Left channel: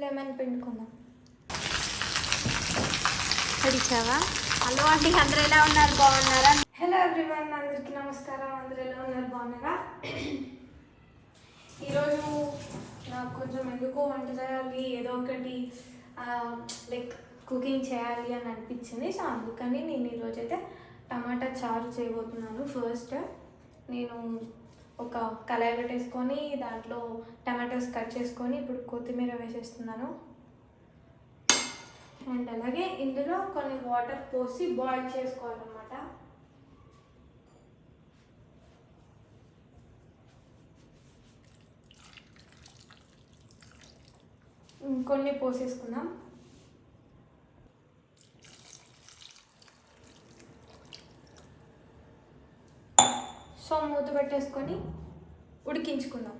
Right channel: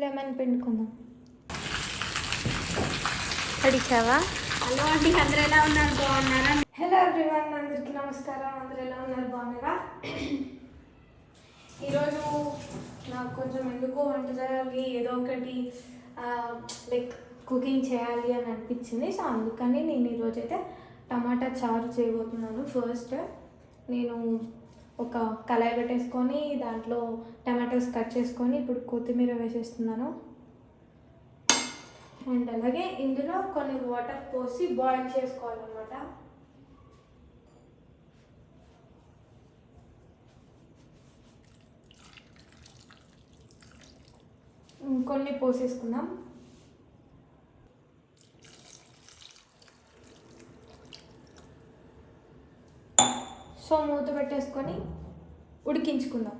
Lemon పిండుకుందాం. అడిచావా? Hello అండి అందరూ ఎలా ఉన్నారు? బాగున్నారా? హలో ఎవ్రీవన్ అందరికీ నమస్కారం. అందరూ ఎలా ఉన్నారు? బాగున్నారా? ఈరోజు నాకు కొంచెం ఎందుకు వంట చేయాలి ఏదో ఒకటి లైక్ కుకింగ్ చేయాలి అని అనిపించింది. సో అందుకని నేను ఈరోజు అయితే టమాటా చారు చేయబోతున్నాను. ఫస్ట్ నేను ఒక కళాయి పెట్టేసుకొని దాంట్లో టమాటోస్ కట్ చేసుకొని ఇప్పుడు కొత్తిమీర వేసేస్తున్నాను. అండ్ అలాగే ఇందులో కొన్ని వాటర్ పోసి బాయిల్ చేసుకోవాలన్నమాట. కొన్ని పోసేసుకుందాం. సో మూత పెట్టేసుకొని ఉడికించుకుందాం.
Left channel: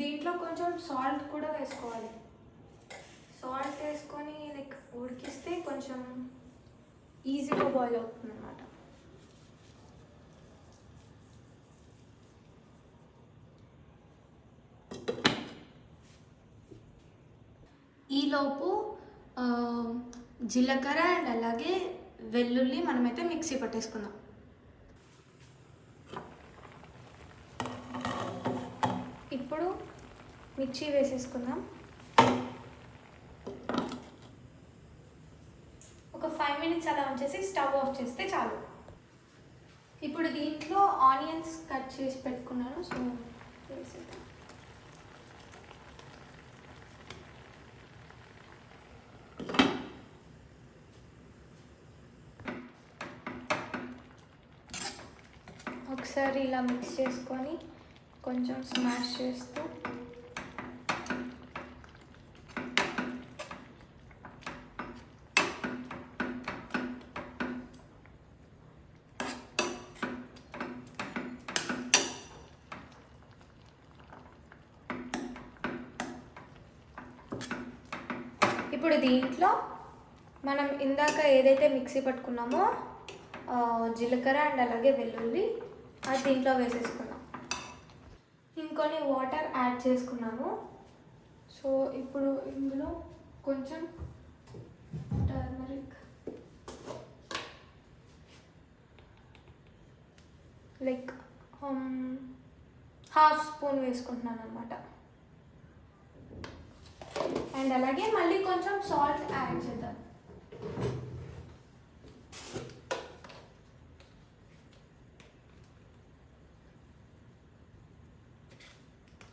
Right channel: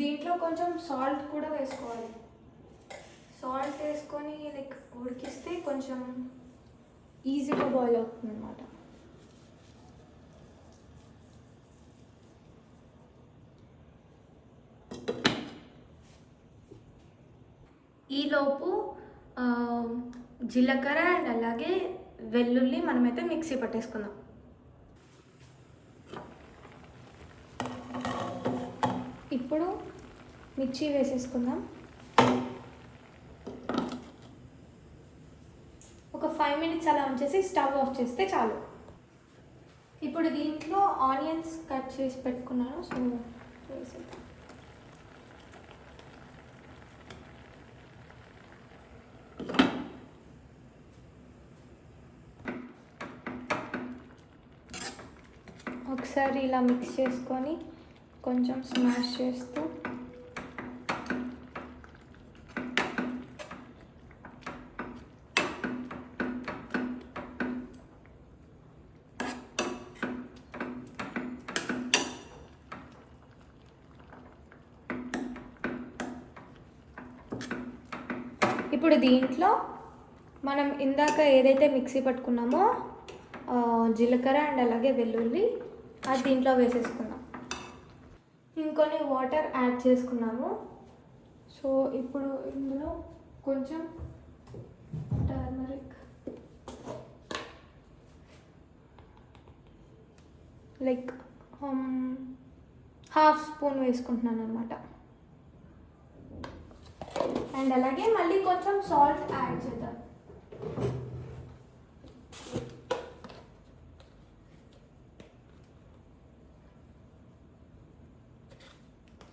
దీంట్లో కొంచెం సాల్ట్ కూడా వేసుకోవాలి. సాల్ట్ వేసుకొని లైక్ ఉడికిస్తే కొంచెం ఈజీగా బాయిల్ అవుతుంది అనమాట ఈలోపు జీలకర్ర అండ్ అలాగే వెల్లుల్లి మనమైతే మిక్సీ పట్టేసుకుందాం. ఇప్పుడు మిర్చి వేసేసుకుందాం. ఒక ఫైవ్ మినిట్స్ అలా ఉంచేసి స్టవ్ ఆఫ్ చేస్తే చాలు. ఇప్పుడు దీంట్లో ఆనియన్స్ కట్ చేసి పెట్టుకున్నాను సో వేసేద్దాం. ఒకసారి ఇలా మిక్స్ చేసుకొని కొంచెం స్మాష్ చేస్తూ. ఇప్పుడు దీంట్లో మనం ఇందాక ఏదైతే మిక్సీ పట్టుకున్నామో జీలకర్ర అండ్ అలాగే వెల్లుల్లి అది దీంట్లో వేసేసుకున్నాం. ఇంకొన్ని వాటర్ యాడ్ చేసుకున్నాము. సో ఇప్పుడు ఇందులో కొంచెం టర్మరిక్ లైక్ హాఫ్ స్పూన్ వేసుకుంటున్నాను అనమాట అండ్ అలాగే మళ్ళీ కొంచెం సాల్ట్ యాడ్ చేద్దాం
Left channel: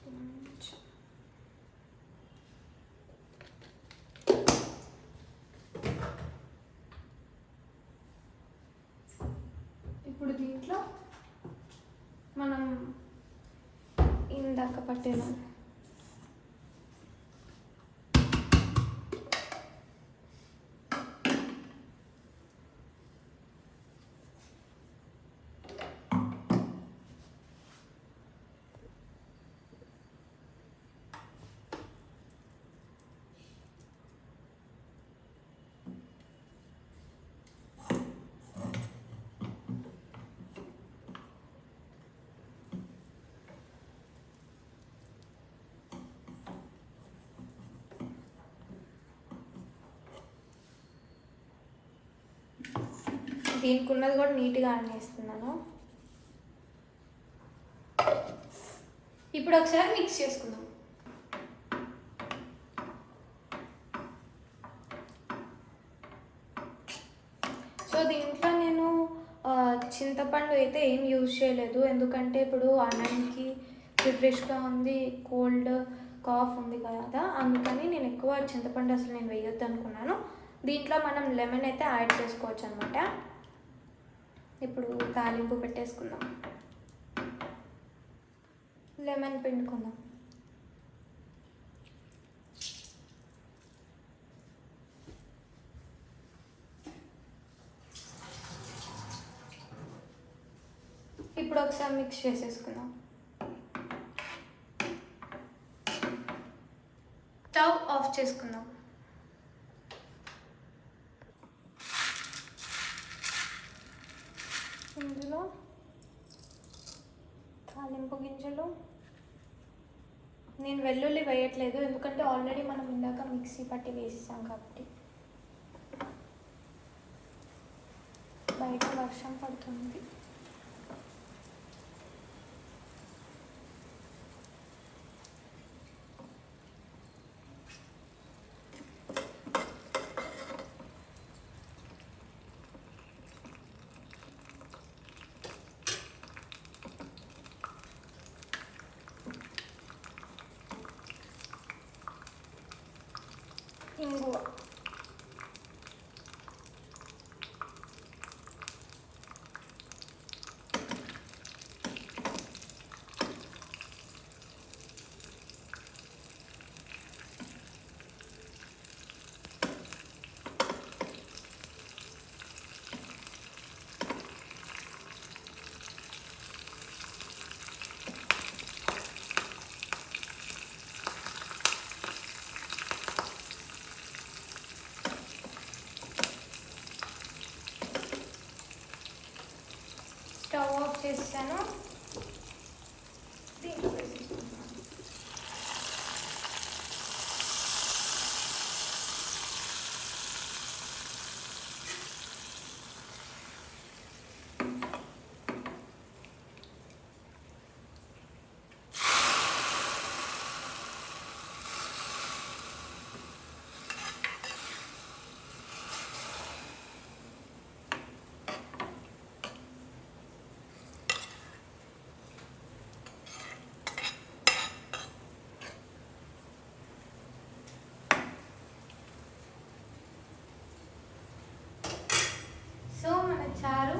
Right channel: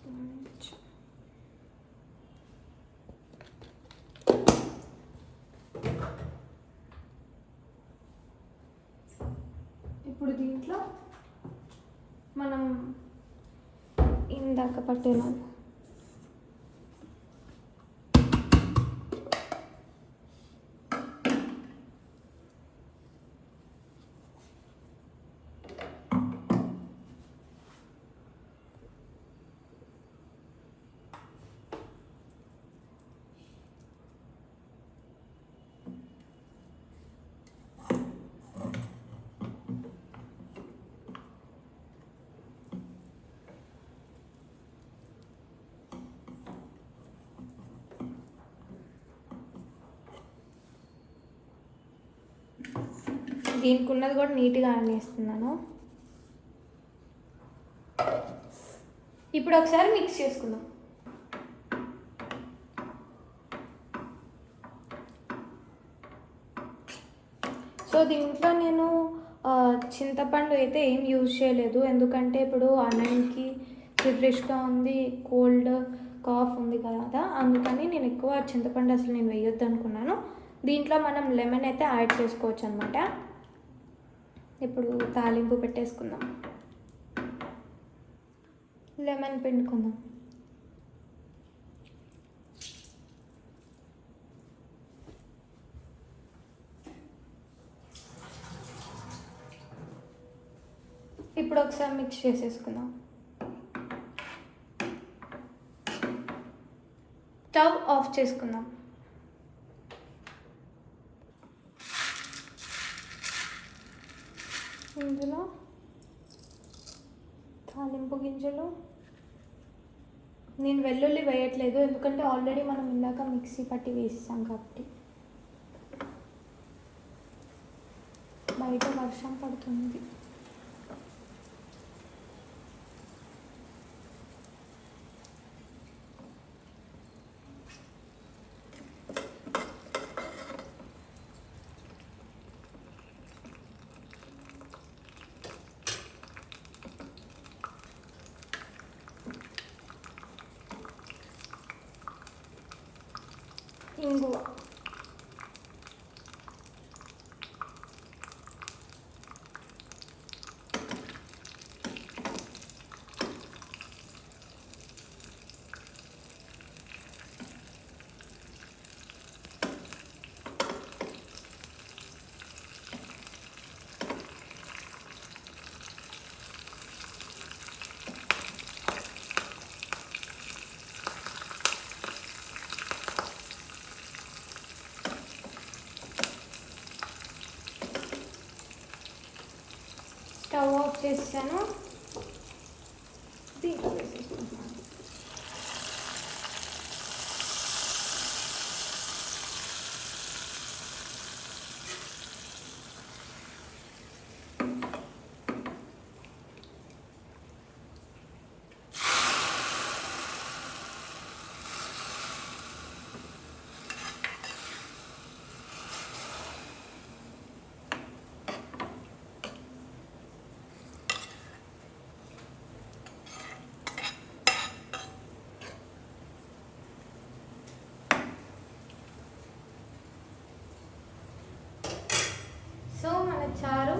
కొంచెం. ఇప్పుడు దీంట్లో మనం ఇందాక పట్టిన దీనికి ఉన్నది కూడా నీట్గా అండిస్తున్నాను ఇప్పుడు ఒకసారి మిక్స్ చేసుకుందాం. సో దీంట్లో నేను చింతపండు అయితే ఏం యూజ్ చేయలేదు. ఎందుకంటే ఇప్పుడు అన్నంకి ఫ్రెష్గా ఉంది కోల్డ్ కాఫ్ ఉంది కదా అందుకని నేను ఎక్కువ చింతపండు అసలు నేను వేయొద్దు అనుకున్నాను దీంట్లో మనం లెమన్ అయితే యాడ్ చేసుకోవచ్చు అనమాట ఇప్పుడు తాలింపు పెట్టేసుకుందాం. లెమన్ పిండుకుందాం. ఇప్పుడు ఒకసారి మిక్స్ చేసేసుకుందాం. స్టవ్ ఆఫ్ చేసుకుందాం. ఇందులో గింజలు. నేను వెల్లుల్లి వేయట్లేదు ఎందుకంటే ఆల్రెడీ మనం ఇందాక మిక్సీ పట్టి వేసాం కాబట్టి. బయట వర్షం పడుతుంది. ఇంగువ స్టవ్ ఆఫ్ చేస్తాను దీంట్లో వేసేసుకుంటున్నాను. సో మన చారు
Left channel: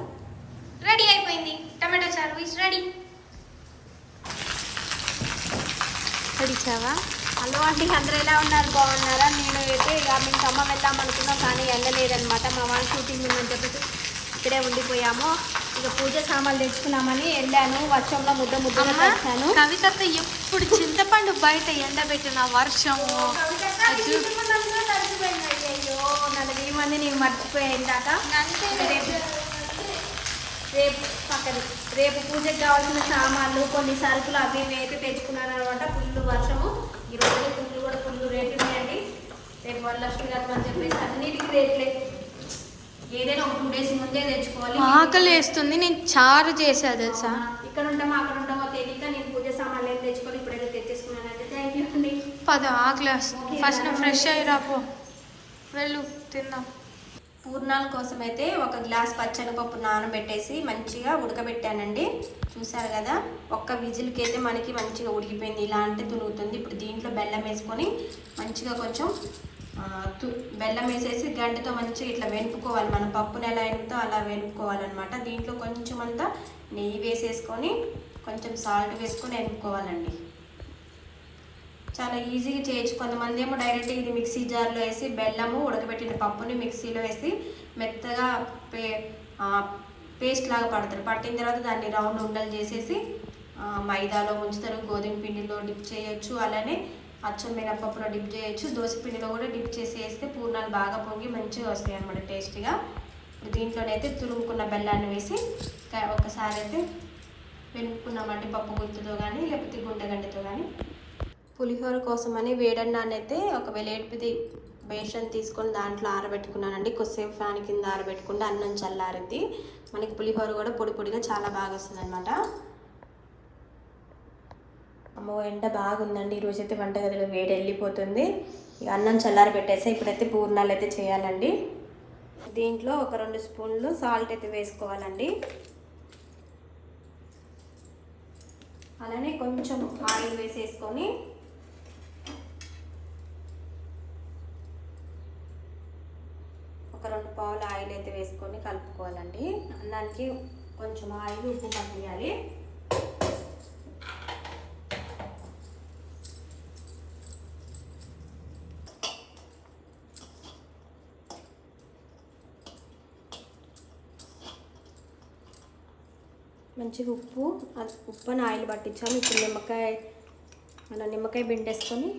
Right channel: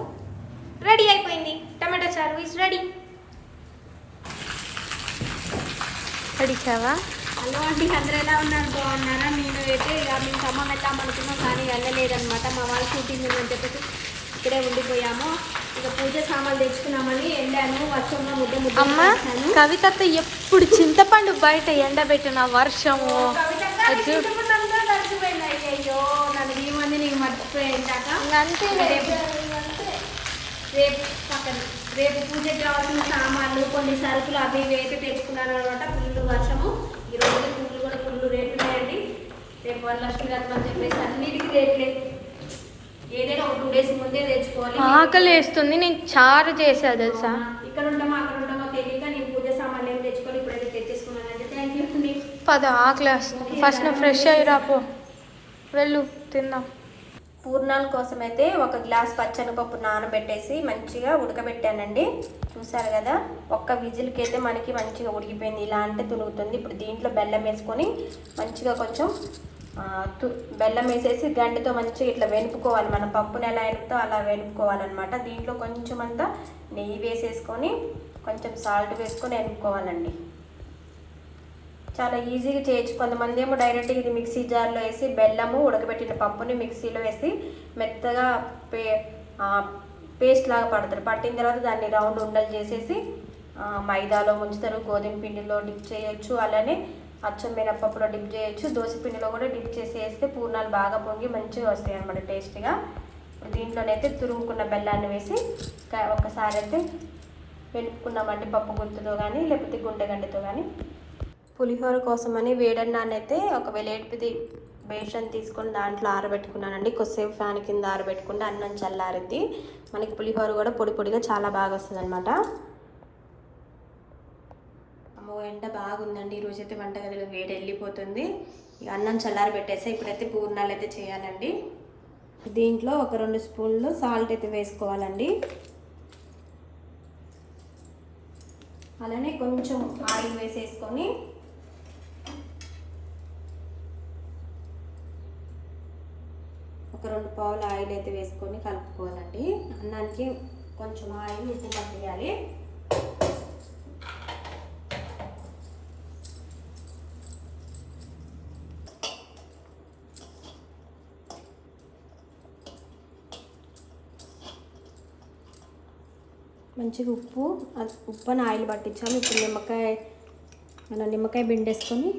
రెడీ అయిపోయింది రెడీ అడిచావా? హలో అండి అందరూ ఎలా ఉన్నారు? బాగున్నారా? నేను అయితే ఇక మేము ఖమ్మం వెళ్దాం అనుకున్నాం కానీ వెళ్ళలేదన్నమాట. మా వాళ్ళు షూటింగ్ ఉందని చెప్పేసి ఇక్కడే ఉండిపోయాము. ఇక పూజ సామాన్లు తెచ్చుకున్నామని వెళ్ళాను. వర్షంలో ముద్ద ముద్ద అమ్మ కవితతో ఎప్పుడు చింతపండు బయట ఎండబెట్టిన వర్షము? అది ఈ మంది నీకు మర్చిపోయాను కాక రేపు రేపు పక్కన రేపు పూజకి కావాల్సిన సామాన్లు కొన్ని సరుకులు అవి ఇవి అయితే తెచ్చుకున్నాను అనమాట ఫుల్ వర్షము. ఈ రోజు పుల్లు కూడా ఫుల్ రేట్లు ఉన్నాయండి. రేపు వరలక్ష్మి గారు అని చెప్పేసి అన్నిటికీ రేట్లే. ఏదైనా ఒక టూ డేస్ ముందే తెచ్చుకోవాలి. ఆకలి వేస్తుంది నేను చారు చేసా తెలుసా? ఇక్కడ ఉంటామో అక్కడ ఉంటామో తెలియక నేను పూజ సామాన్లు ఏం తెచ్చుకొని ఇప్పుడైతే తెచ్చేసుకున్నానండి. థ్యాంక్ యూ అండి. పద ఆకలి వేస్తుంది ఫస్ట్ నువ్వు ఫ్రెష్ అయ్యి రాపో వెళ్ళు తిందాం. పూర్ణాల కోసం అయితే ఒక గ్లాస్ పచ్చనిపప్పు నానబెట్టేసి మంచిగా ఉడకబెట్టానండి. చూసారు కదా? ఒక్క విజిల్కి అయితే మనకి మంచిగా ఉడికిపోయింది. ఇలా అంటే తునుగుతుంది ఇప్పుడు దీంట్లో బెల్లం వేసుకొని మంచిగా కొంచెం తు బెల్లం వేసేసి గంటతో మంచిగా ఇట్లా వెనుపుకోవాలి. మన పప్పుని ఎలా వెనుపుతో అలా వెనుపుకోవాలన్నమాట. దీంట్లో కొంచెం అంతా నెయ్యి వేసేసుకొని కొంచెం సాల్ట్ వేసుకొని వెనుపుకోవాలండి. చాలా ఈజీగా చేయొచ్చు. కొంతమంది ఏమో డైరెక్ట్ ఇది మిక్సీ జార్లో వేసి బెల్లము ఉడకబెట్టిన పప్పుని మిక్సీలో వేసి మెత్తగా పే పేస్ట్ లాగా పడతారు. పట్టిన తర్వాత దాన్ని రౌండ్ ఉండలు చేసేసి మైదాలో ముంచుతారు. గోధుమ పిండిలో డిప్ చేయొచ్చు. అలానే అచ్చం మినపప్పులో డిప్ చేయొచ్చు. దోశ పిండిలో కూడా డిప్ చేసి వేస్తే పూర్ణాలు బాగా పొంగి మంచిగా వస్తాయి అన్నమాట టేస్ట్గా ఇప్పుడు దీంట్లోనైతే తురుముకున్న బెల్లాన్ని వేసి ఒకసారి అయితే వెనుక్కున్నామంటే పప్పు గుర్తుతో కానీ లేకపోతే గుంటగండితో కానీ పులిహోర కోసమని వేడన్నాన్ని అయితే ఒక వెలేటిది బేషన్ తీసుకొని దాంట్లో ఆరబెట్టుకున్నానండి. కొద్దిసేపు ఫ్యాన్ కింద ఆరబెట్టుకుంటే అన్నం చల్లారిద్ది. మనకి పులిహోర కూడా పొడి పొడిగా చాలా బాగా వస్తుంది అనమాట అమ్మో ఎండ బాగుందండి. ఈరోజు అయితే వంటగదిలో వేడి వెళ్ళిపోతుంది. ఇక అన్నం చల్లారి పెట్టేసి ఇప్పుడైతే పూర్ణాలు అయితే చేయాలండి. దీంట్లో ఒక రెండు స్పూన్లు సాల్ట్ అయితే వేసుకోవాలండి. అలానే కొంచెం ఆయిల్ వేసేసుకొని ఒక రెండు పావులు ఆయిల్ అయితే వేసుకొని కలుపుకోవాలండి. అన్నానికి కొంచెం ఆయిల్ ఉప్పు పట్టేయాలి మంచిగా ఉప్పు ఉప్పు అని ఆయిల్ పట్టించాము ఇప్పుడు నిమ్మకాయ మన నిమ్మకాయ బిండేసుకొని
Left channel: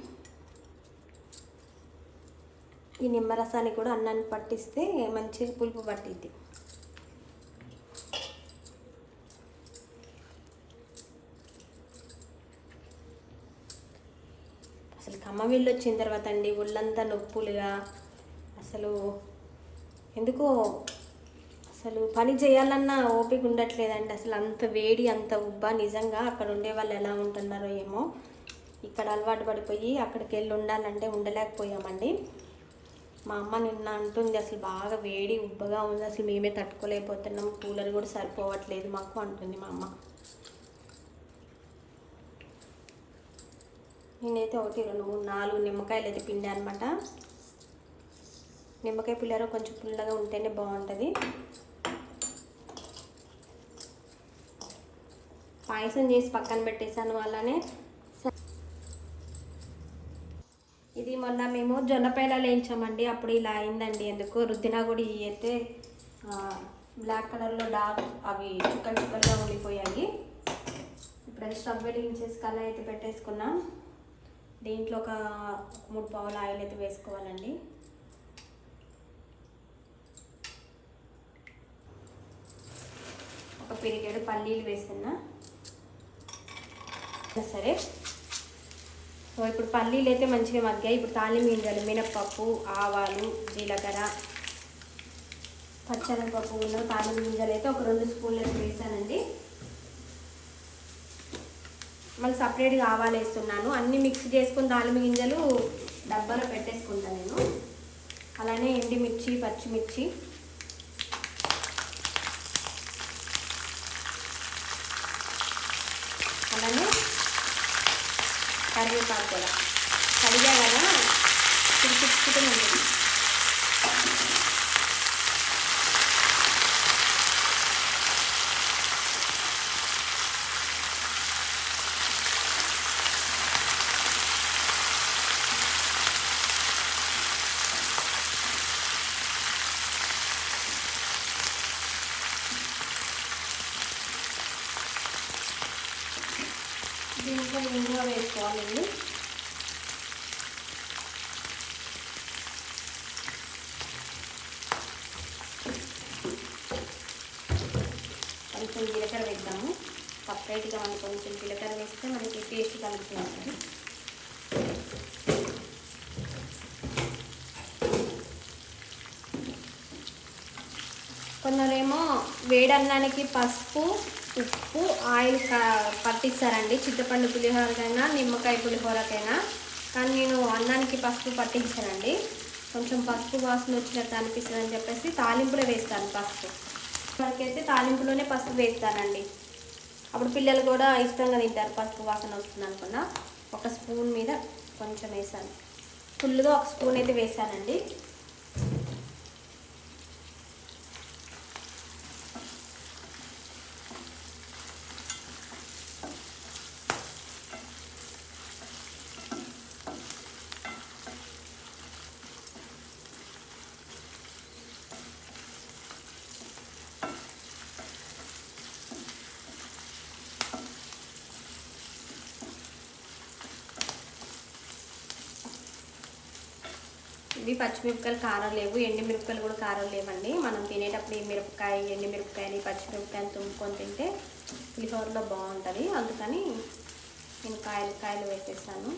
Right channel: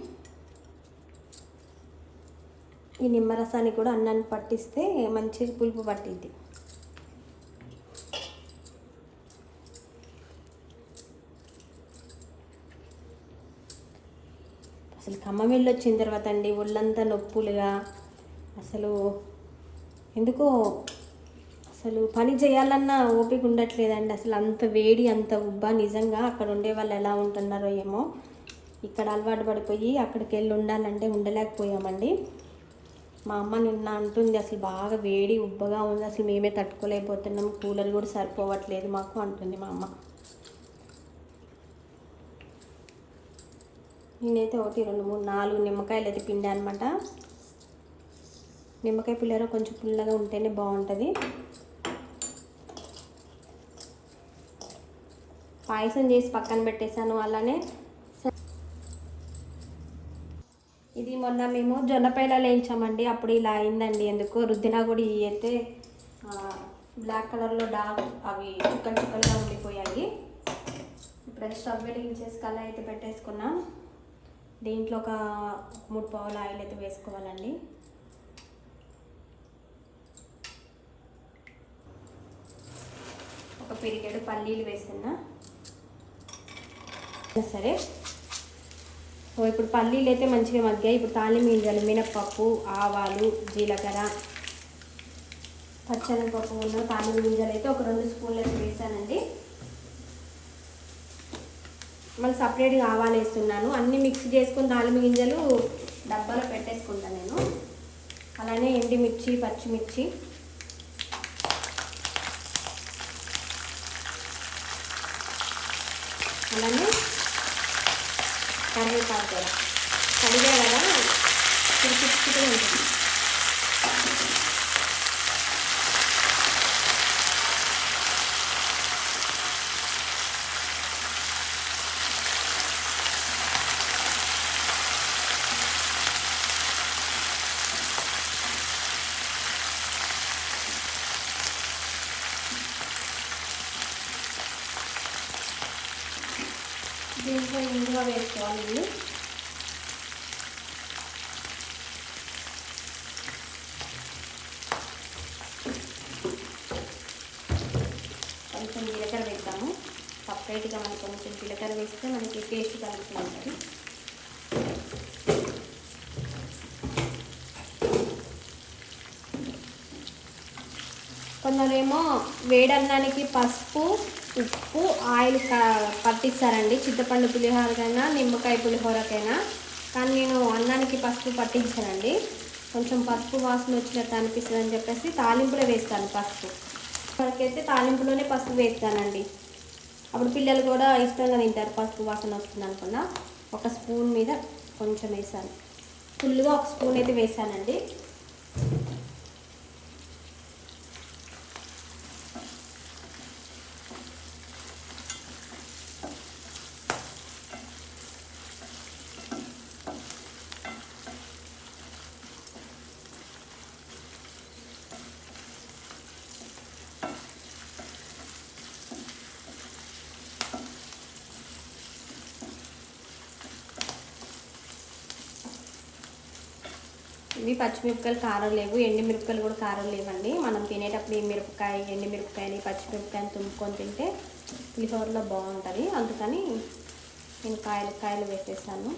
ఈ నిమ్మరసాన్ని కూడా అన్నాన్ని పట్టిస్తే మంచిగా పులుపు పట్టిద్ది. అసలు ఖమ్మం వెళ్ళి వచ్చిన తర్వాత అండి ఒళ్ళంతా నొప్పులుగా. అసలు ఎందుకో అసలు పని చేయాలన్నా ఓపిక ఉండట్లేదండి. అసలు అంత వేడి అంత ఉబ్బ. నిజంగా అక్కడ ఉండే వాళ్ళు ఎలా ఉంటున్నారో ఏమో. ఇక్కడ అలవాటు పడిపోయి అక్కడికి వెళ్ళి ఉండాలంటే ఉండలేకపోయామండి. మా అమ్మ నిన్న అంటుంది అసలు బాగా వేడి ఉబ్బగా ఉంది అసలు మేమే తట్టుకోలేకపోతున్నాం కూలర్ కూడా సరిపోవట్లేదు మాకు అంటుంది మా అమ్మ. నేనైతే ఒకటి రెండు మూడు నాలుగు నిమ్మకాయలు అయితే పిండా అనమాట నిమ్మకాయ పిల్లలు కొంచెం పుల్లగా ఉంటేనే బాగుంటుంది. పాయసం చేసి పక్కన పెట్టేశాను అలానే ఇది మొన్న మేము జొన్నపైల వేయించామండి అప్పుడు ఇలా అయిందండి. ఎందుకు రుద్దినా కూడా ఇవి అయితే బ్లాక్ కలర్లో డార్క్ అవి చుక్కలు చుక్కలుగా ఉండిపోయాయి. ఇప్పుడు స్టవ్ వెలిగించేసి కళ్ళ అయితే పెట్టేసుకున్నాం. దీంట్లో ఒక మూడు పావుల ఆయిల్ అయితే వేసుకోవాలండి. ఒక పెరిగేడు పల్లీలు వేస్తున్నా. సరే. సో ఇప్పుడు పల్లీలు అయితే మంచిగా మగ్గాయి. ఇప్పుడు తాలింపు గింజలు మినప్పప్పు ఆవాలు జీలకర్ర పచ్చనిపప్పు ఉన్న తాలింపు గింజలు అయితే ఒక రెండు స్పూన్లు అయితే వేసానండి. మళ్ళీ సపరేట్గా ఆవాలు వేస్తున్నాను. అన్నీ మిక్స్ చేసుకుని తాలింపు గింజలు డబ్బాలో పెట్టేసుకుంటాను నేను. అలానే ఎండిమిర్చి పచ్చిమిర్చి అలానే కరివేపాకు కూడా కడిగా కదా? ఉంటుంది కొద్దిగా ఇంగువ వేసుకోవాలండి కొంచెం జీలకర్ర వేద్దాము. సపరేట్గా మనం కొంచెం జీలకర్ర వేస్తే మనకి టేస్ట్ కలిసి ఉంటుంది కొందరేమో వేడన్నానికి పసుపు ఉప్పు ఆయిల్ పట్టించారండి చింతపండు పులిహోరకైనా నిమ్మకాయ పులిహోరకైనా. కానీ నేను అన్నానికి పసుపు పట్టించానండి. కొంచెం పసుపు వాసన వచ్చినట్టు అనిపిస్తుంది అని చెప్పేసి తాలింపులో వేస్తాను పసుపు. వరకైతే తాలింపులోనే పసుపు వేస్తానండి. అప్పుడు పిల్లలు కూడా ఇష్టంగా తింటారు. పసుపు వాసన వస్తుంది అనుకున్నా. ఒక స్పూన్ మీద కొంచెం వేసాను. ఫుల్గా ఒక స్పూన్ అయితే వేసానండి. ఇవి పచ్చిమిరపకాయలు కారం లేవు ఎండి మిరపకాయలు కూడా కారం లేవండి. మనం తినేటప్పుడు ఈ మిరపకాయ ఎండిమిరపకాయని పచ్చిమిరపకాయని తుంపుకొని తింటే పులిహోరలో బాగుంటుంది. అందుకని నేను కాయలు కాయలు వేసేసాను.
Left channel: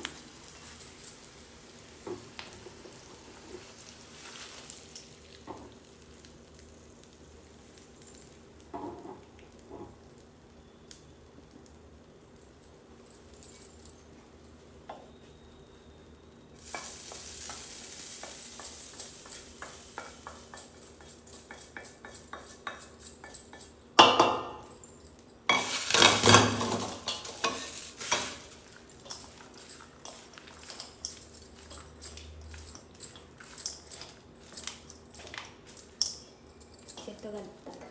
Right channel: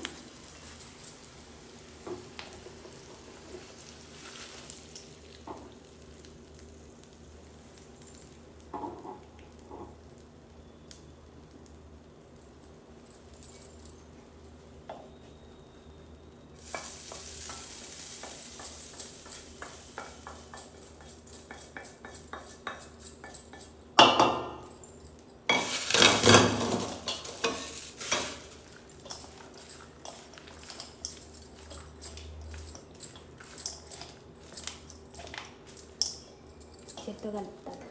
కలుపుతాను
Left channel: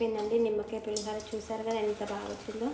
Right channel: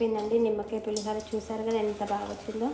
అయిపోయిందండి. నిమ్మకాయ పులిహార చూసారు కదా ఎంత బాగా వచ్చిందో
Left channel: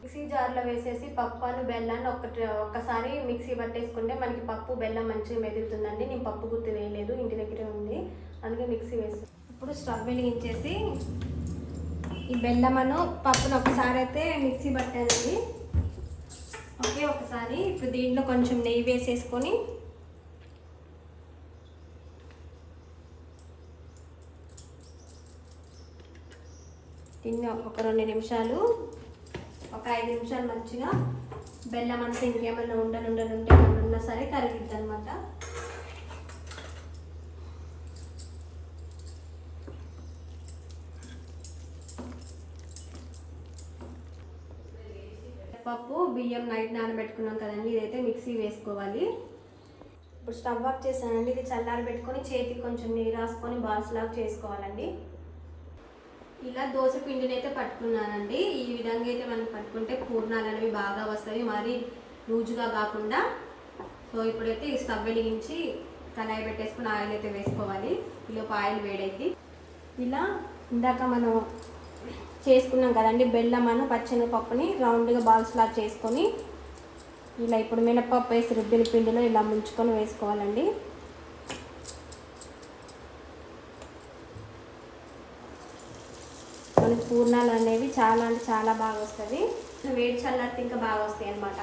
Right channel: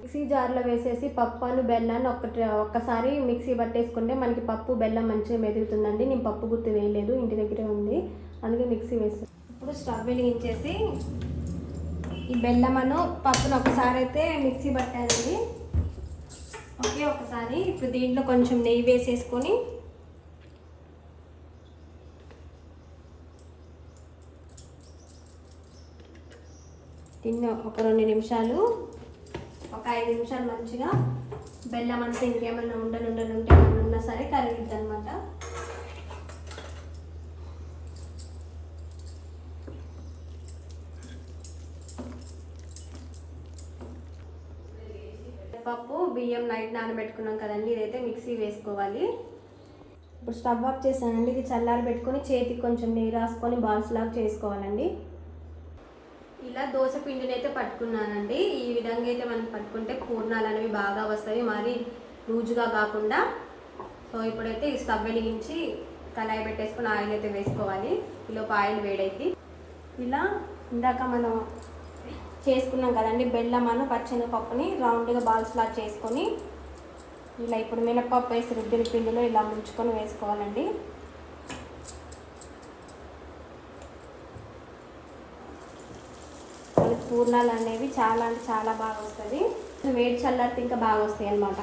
మిక్సీ జార్లో వేసేసి పప్పాలు బెల్లాన్ని ఒక్కటి ఒక్కసారి మిక్సీ పట్టేసుకుంటే మనకి పప్పు బెల్లం మంచిగా మెదుగుతుందండి. నేను పప్పు గుర్తు వేయలేదు ఇంటి దగ్గరే ఉంది. అందుకే మిక్సీ వేసి ఇప్పుడు స్టవ్ వెలిగించేసి ఈ బెల్లమను పప్పును ఒకసారి అయితే మిక్సీ పట్టానండి ఓకే ఒకసారి ఇప్పుడు దీంట్లో కొంచెం నెయ్యి వేసేసుకొని దీన్ని ఒక రెండు నిమిషాలు ఒక ఐదు నిమిషాలు మంచిగా బెల్లం అంతా ఇంకేమైనా ఉండలు ఉండలు ఉంటే ఉన్నా సరే కరిగిద్ది అనమాట పప్పు బియ్యం నైట్ నానబెట్టుకున్నాం కదండి ఇదైతే మిక్సీ వేసుకోవాలి. ఇప్పుడు స్టవ్ ఆఫ్ చేసానండి ఇది చల్లారి పెట్టుకొని చేతికి కొంచెం నీరు రాసుకొని బాల్స్ లాగా చేసుకోవాలండి. ఇలా దోశ పిండిని అయితే పట్టుకున్నానండి. ఈ విధంగా అయితే మనం పట్టుకుంటే పూర్ణాలు అనేవి బాగా వస్తాయి. మరీ లూజుగా కాకుండా. సో ఇప్పుడైతే ఈ స్టవ్ వెలిగించి కళాయి పెట్టేసుకుని ఆయిల్ అయితే వేసుకోవాలి. ఈలోపు ఆయిల్ వేడైతే ఇలా ఇందాక మనం చేసుకున్నాం కదండి బెల్లం అను పచ్చెనగపప్పుని రౌండ్గా బాల్స్లా చేసుకొని ఇలా ఇప్పుడు మినపప్పు వేసి రుబ్బిన పిండిలో ఇలా ముంచుకొని వేసుకోవాలండి. మనకి పూర్ణాలు అనేవి చాలా అంటే చాలా బాగా వస్తుంది వేడి చల్లారితే ఇంకా బాగా వస్తాయి అన్నమాట.